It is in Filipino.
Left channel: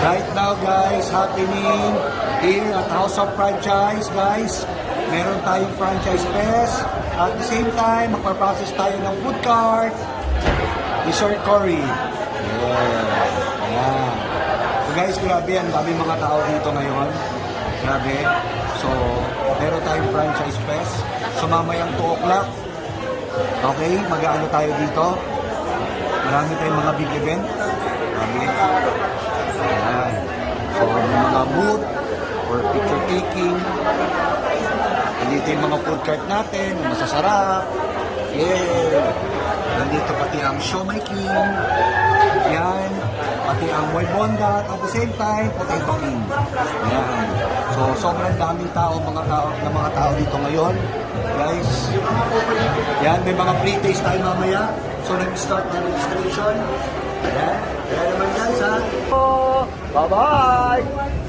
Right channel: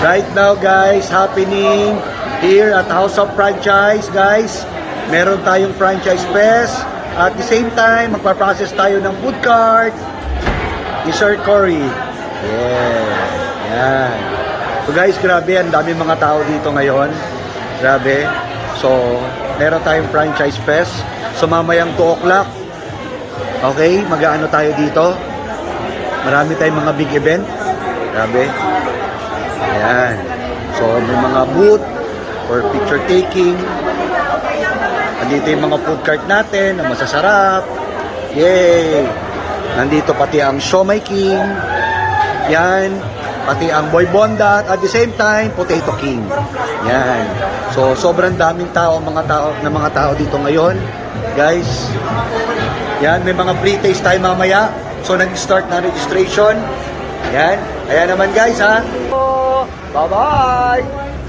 Right now guys, happening here at House of Franchise guys. Meron tayong franchise fest. At the same time, magpa-process tayo ng food cart ni Sir Cory. Yeah. Yan. So guys, grabe, ang dami mga tao dito ngayon. Grabe. So, meron tayong franchise fest. So, mamayang 2 o'clock. Okay, mag-aano tayo dito. Marami tayong mga big event. Grabe. Ayan. So, may mga booth for picture taking. Nandito yung mga food cart natin na masasarap. Yay! Nandito pati ang Siomai King. Yan. Pati ang Boy Bondat. At the same time, Potato King. Yan. So, sobrang daming tao, mga tao dito ngayon. Guys. Yan. May mga pre-taste tayo mamaya. So, nag-start na registration. Yan. Ayan naman guys ha. Bye-bye!